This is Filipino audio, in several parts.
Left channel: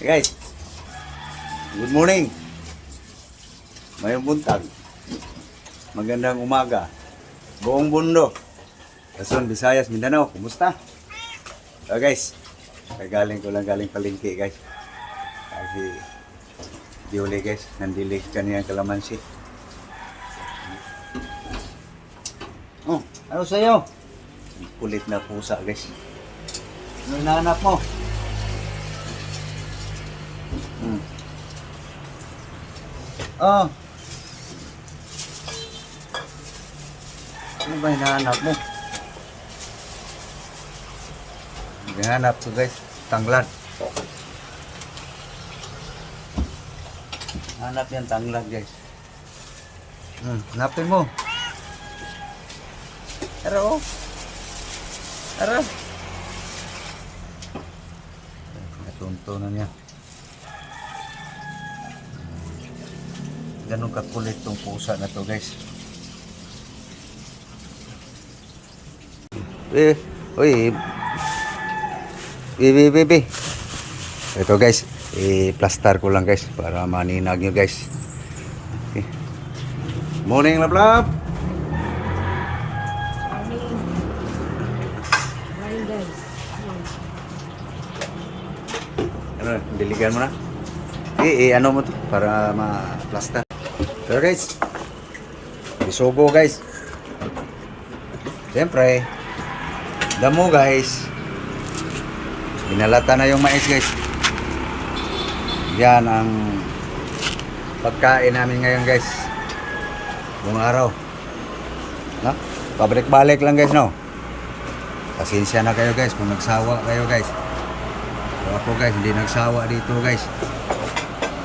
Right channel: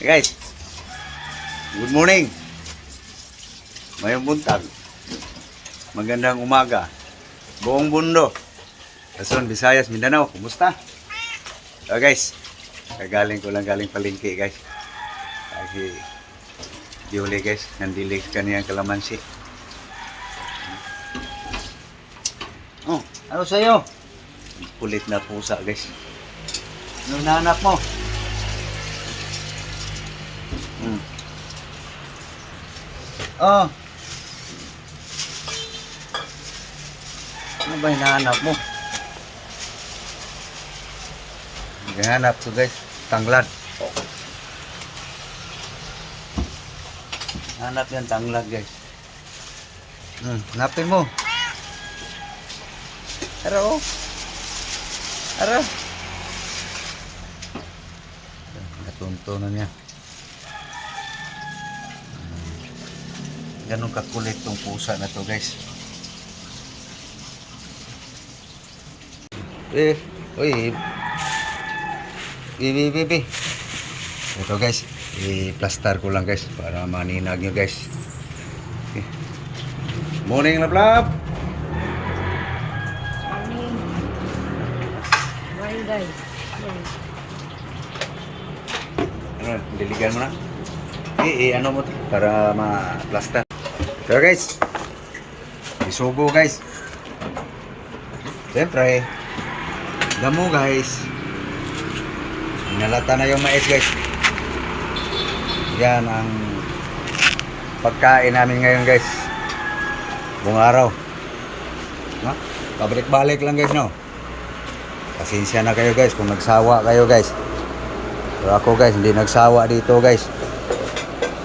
Guys, good morning. Mayong buntag. Magandang umaga. Buong mundo. Luzon, Visayas, Mindanao. Kumusta? So guys, kagaling ko lang galing palengke guys. Kasi diuli guys, nandilig kaniyang kalamansi. Oh, ano sa'yo? Kulit na pusa guys. Ano nahanap mo? Oh. Ano ba hinahanap mo? Hinahanap ko guys, tanglad. Hanap yan tanglad guys. Hanapin mo. Aro. Aro. Natunto na niya. Ganun kakulit tong pusa na to guys. Uy. Bibi. Ito guys, i-plaster ko lang guys para maninag nyo guys. Okay. Morning lablab. Morning guys. Ano, diligan mo na? Ano mo to para ma-plaster. So guys, isugo guys. Siyempre, damo guys. Binalata na yung mais guys. Yan ang pagkain namin ngayon guys. Buong araw. No? Pabalik-balik lang guys no. Pasensya na kayo guys kung nagsawa kayo guys. Pero ako guys, hindi nagsawa dito guys.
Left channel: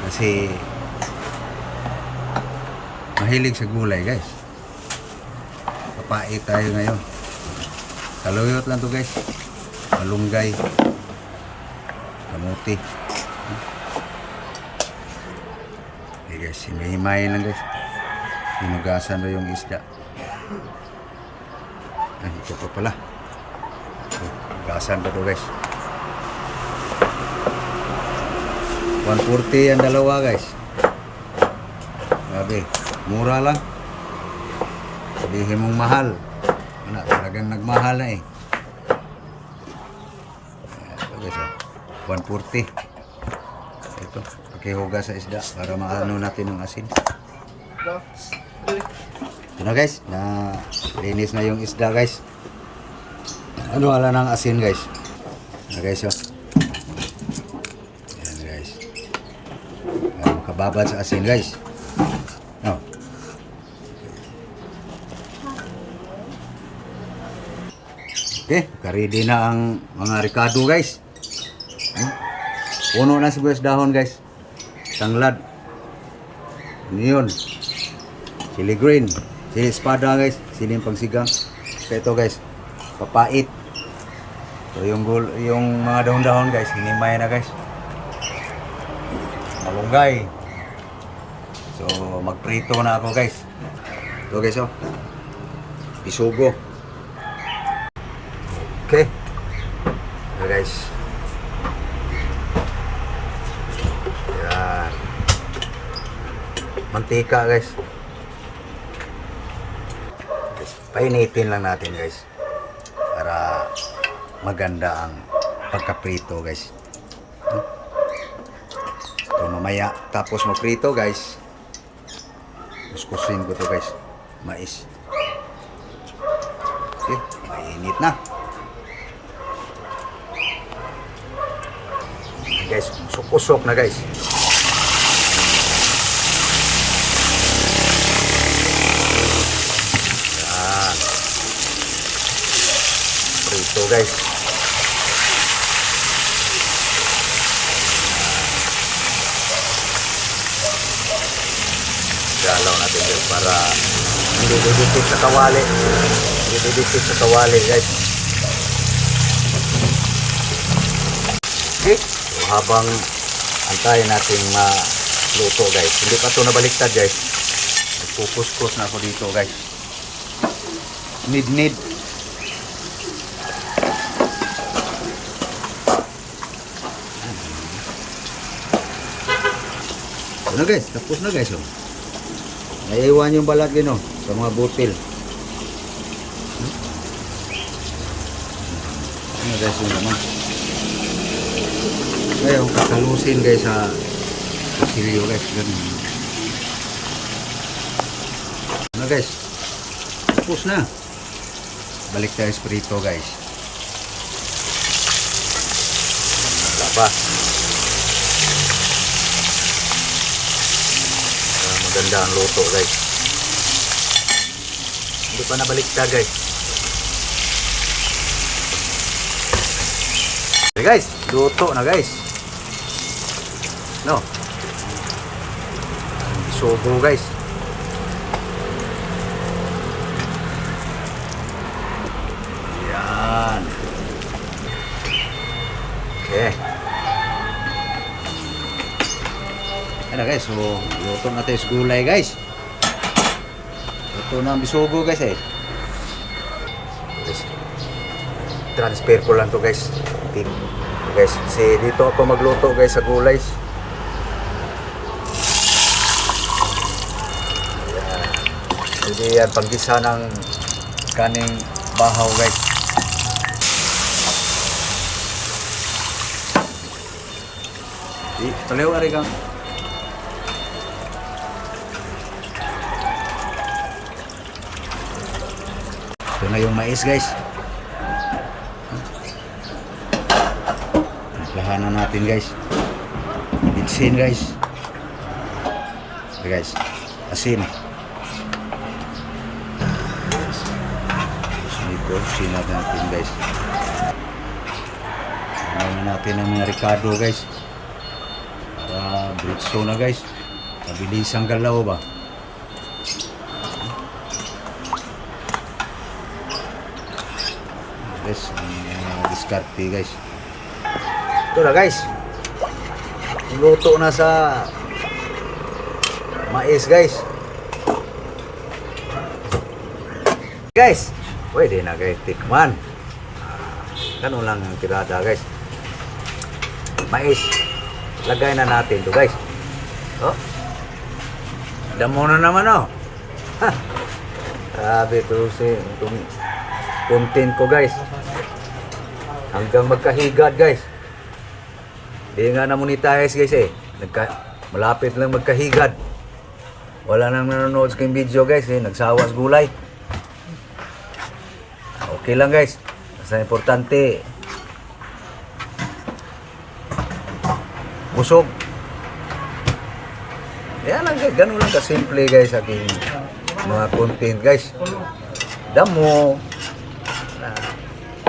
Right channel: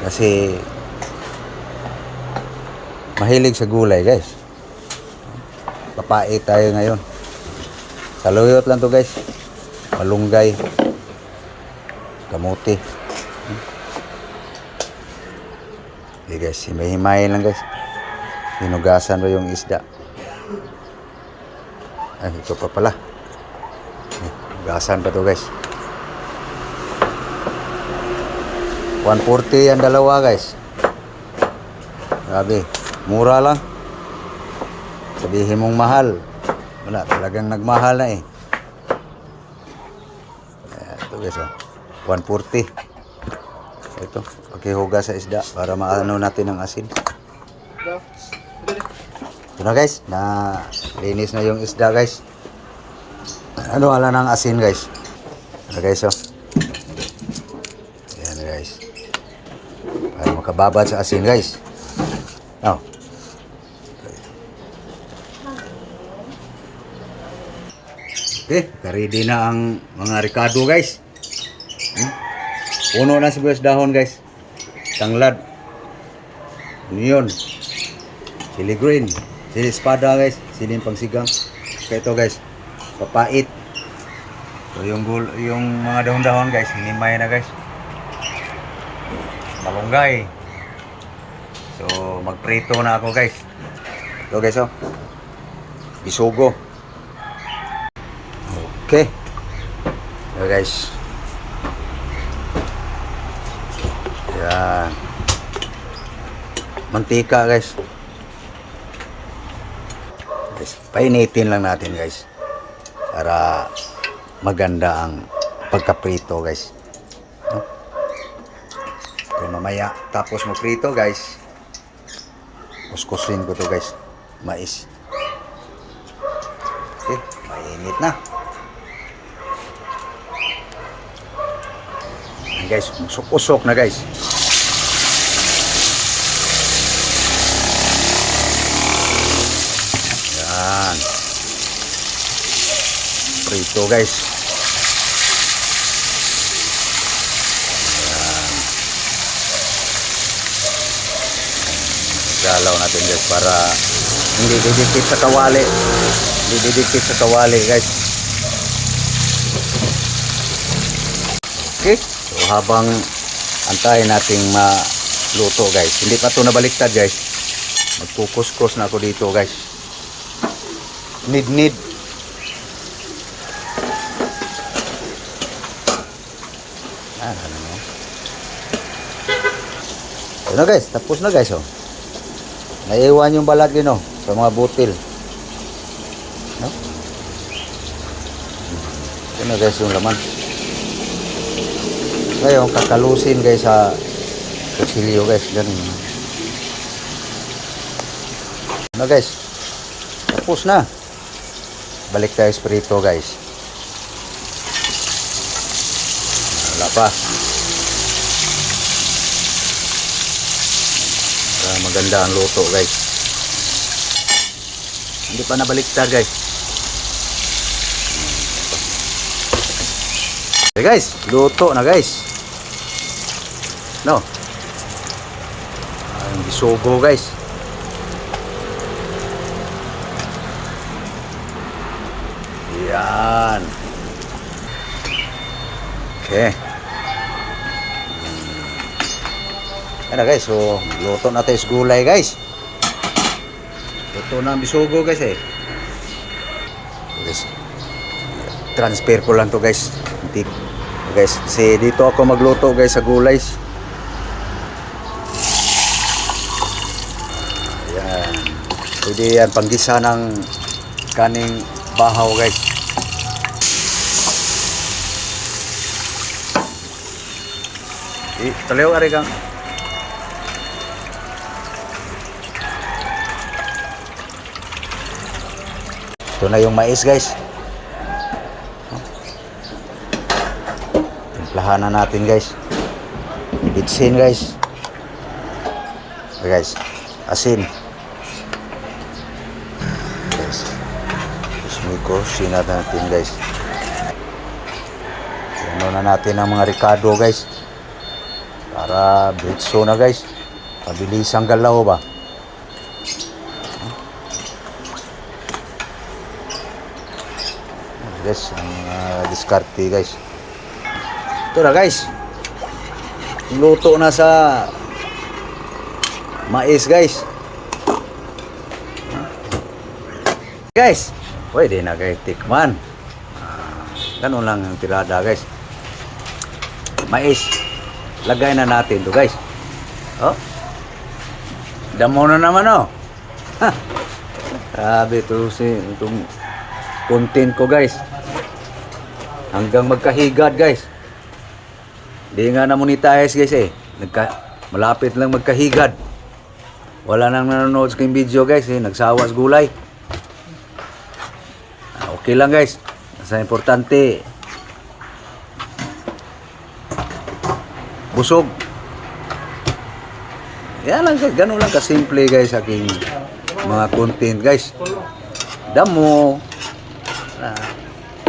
Kasi mahilig sa gulay guys. Papait tayo ngayon. Saluyot lang to guys. Malunggay. Kamuti. Okay guys, himay-himayin lang guys. Hinugasan ba yung isda? Ay, ito pa pala. Hinugasan pa to guys. 140 ang dalawa guys. Sabi, mura lang. Sabihin mong mahal. Wala, talagang nagmahal na eh. Ito guys, 140. Ito, pakihugas sa isda para maano natin ang asin. Ito na guys, na linis na yung isda guys. Ano ala ng asin guys. Ito guys, Ayan guys. Para makababad sa asin guys. Oh. Okay, ready na ang mga ricado guys. Puno na sibuyas dahon guys. Tanglad. Onion. Chili green. Chili espada guys. Siling pangsigang. Okay, ito guys. Papait. So yung mga dahon-dahon guys, hinimay na guys. Malunggay. So magprito na ako guys. Ito guys isugo. Okay. So guys. Yan. Mantika guys. Painitin lang natin guys. Para maganda ang pagkaprito guys. So mamaya tapos magprito guys. Kuskusin ko to guys. Mais. Okay, mainit na. Guys, usok na guys. Yan. Prito guys. Galaw natin guys para hindi didikit sa kawali. Hindi didikit sa kawali guys. Okay. So, habang antayin natin maluto guys. Hindi pa ito nabaliktad guys. Magkukuskus na ako dito guys. Need. Ano Ano guys, tapos na guys oh. Naiwan yung balat gino sa mga butil. No? Ano guys yung laman. Ngayon kakalusin guys sa kusilyo guys, ganun naman. Ano guys, tapos na. Balik tayo sa prito guys. Lakas. Maganda ang luto guys. Hindi pa nabaliktad guys. Okay guys, luto na guys. No. Ang bisugo guys. Yan. Okay. Yan na guys, so luto na tayo sa gulay guys. Luto na ang bisugo guys eh. Transfer ko lang to guys. Guys, kasi dito ako magluto guys sa gulay. Ayan. Pwede yan panggisa ng kaning bahaw guys. Talew ari kang. Ito na yung mais guys. Timplahan na natin guys. Bitsin guys. Okay guys. Asin. Yes. Ismiko. Sinatan natin guys. Ano na natin ang mga ricado guys. Para britso na guys. Pabilis ang galaw ba. Guys, ang diskarte guys. Ito na guys. Luto na sa mais guys. Guys, pwede na guys tikman. Ganun lang yung tirada guys. Mais. Lagay na natin to guys. Oh. Damo na naman oh. Sabi to si itong content ko guys. Hanggang magkahigad guys. Di nga na monetize guys eh. Malapit lang magkahigad. Wala nang nanonood sa video guys eh. Nagsawa sa gulay. Okay lang guys. Basta importante busog. Yan lang guys. Ganun lang kasimple guys aking mga content guys. Damo.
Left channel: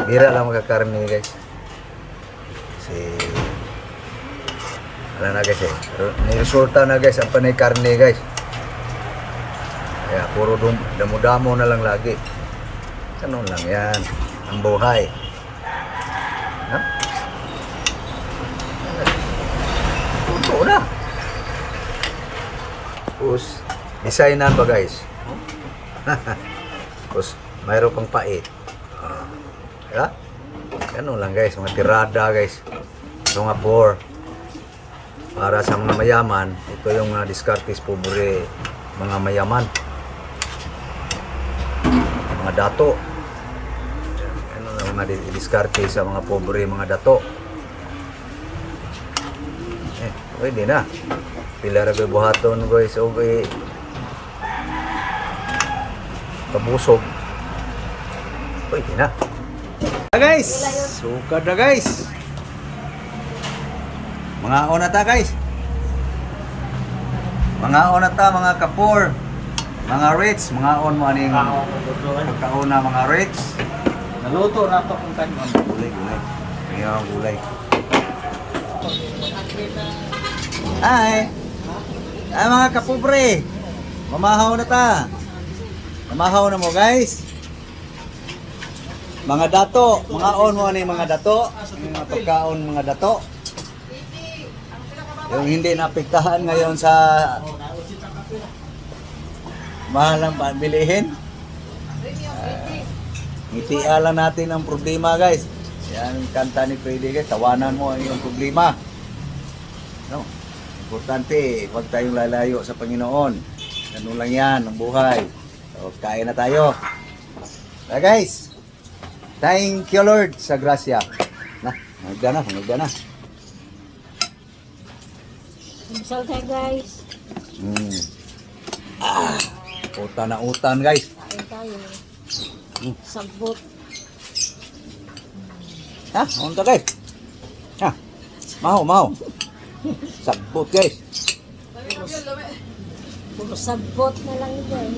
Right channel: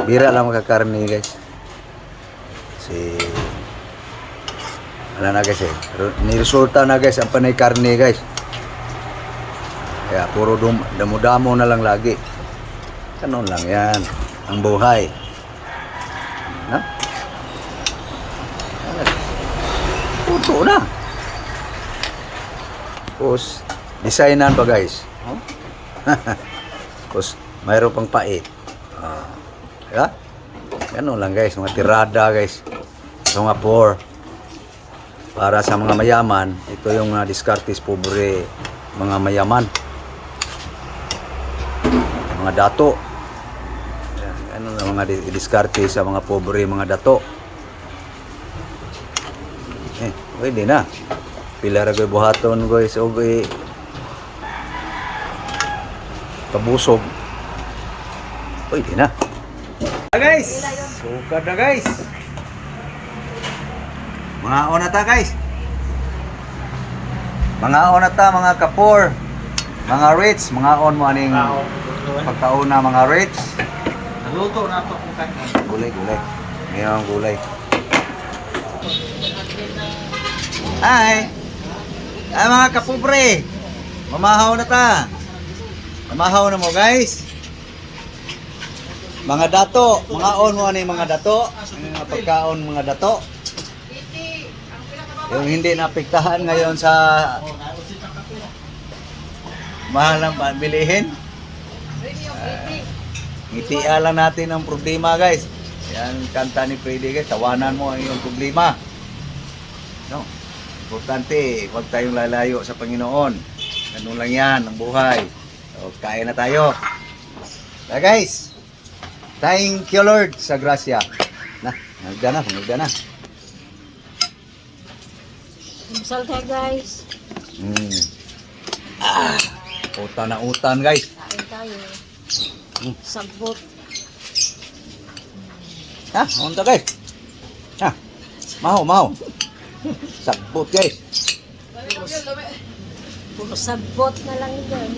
Bira lang magkakarni guys. Kasi ano na guys eh. Niresulta na guys ang panay karne guys. Kaya puro damo-damo na lang lagi. Ano lang yan. Ang buhay. Ha? Puto na. Tapos, designan ba guys? Tapos, mayroon pang pait. Ha? Ano lang guys, mga tirada guys. Mga poor. Para sa mga mayaman, ito yung mga diskartes pobre mga mayaman. Mga dato. Ano na mga diskarte sa mga pobre mga dato. Pwede na. Pila ra buhaton guys og pabusog. Pwede na. Guys, sukad na guys. Mga ona ta guys. Mga ona ta mga kapor. Mga rich, mga on mo aning pagkauna mga rich. Naluto na ako kung kanino. Gulay. Ngayon gulay. Ay mga kapobre. Mamahaw na ta. Mamahaw na mo guys. Mga dato, mga on mo ano yung mga dato, mga pagkaon mga dato. Yung hindi napiktahan ngayon sa mahal ang bilihin. Ngitian lang natin ang problema guys. Yan kanta ni Freddy guys, tawanan mo ang iyong problema. No? Importante, huwag tayong lalayo sa Panginoon. Ganun lang yan, ang buhay. So, kain na tayo. Na guys, thank you Lord sa grasya. Na, nagda na. Masal tayo guys. Utan na utan guys. Kain tayo. Mm. Sagbot. Ha, unta guys. Ha, maho. Sabot guys. Puro sagbot na lang yan.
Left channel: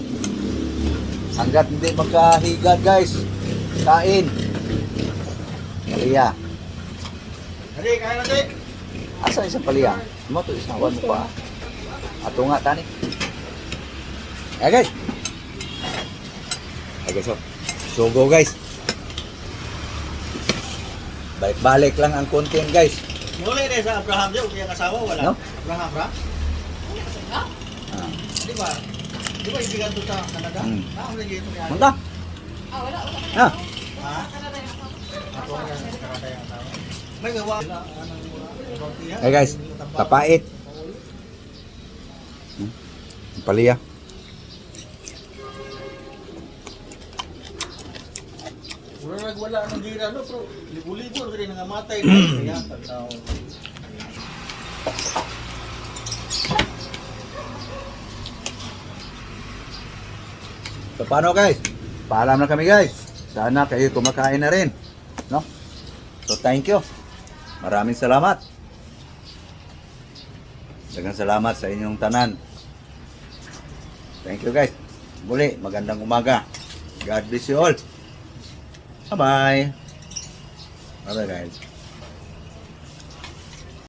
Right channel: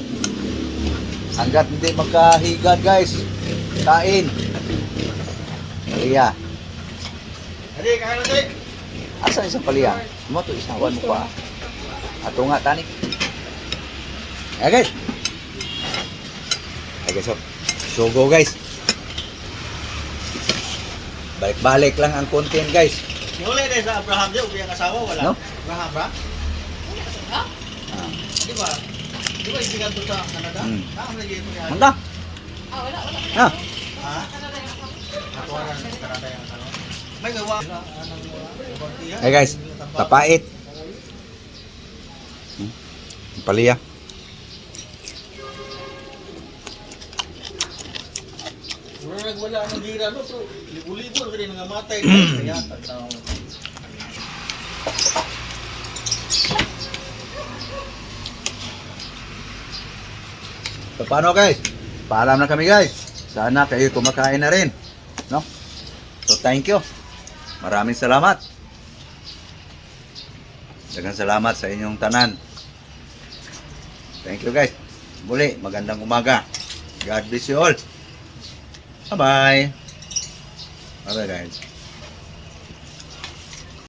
Hanggat hindi magkahigad guys. Kain. Paliya. Hadi, kain natin. Asa isang paliya? Mo to isang mo pa. Ato nga tani. Ay guys. Ay guys, so go guys. Balik-balik lang ang content guys. Muli din sa Abraham din, kaya asawa wala. No? Abraham ba? Ah. Di ba? Di ba ibigan to sa Canada? Hmm. Ang nagyan ko kaya. Manda. Ha? Ha? Ako lang sa Canada yung asawa. May gawa. Ay guys, tapait. Paliya. Wala nang gira no, pero libo-libo rin nga matay kaya tao. So paano guys? Paalam na kami guys. Sana kayo kumakain na rin. No? So thank you. Maraming salamat. Daghang salamat sa inyong tanan. Thank you guys. Muli, magandang umaga. God bless you all. Bye-bye. Bye-bye guys.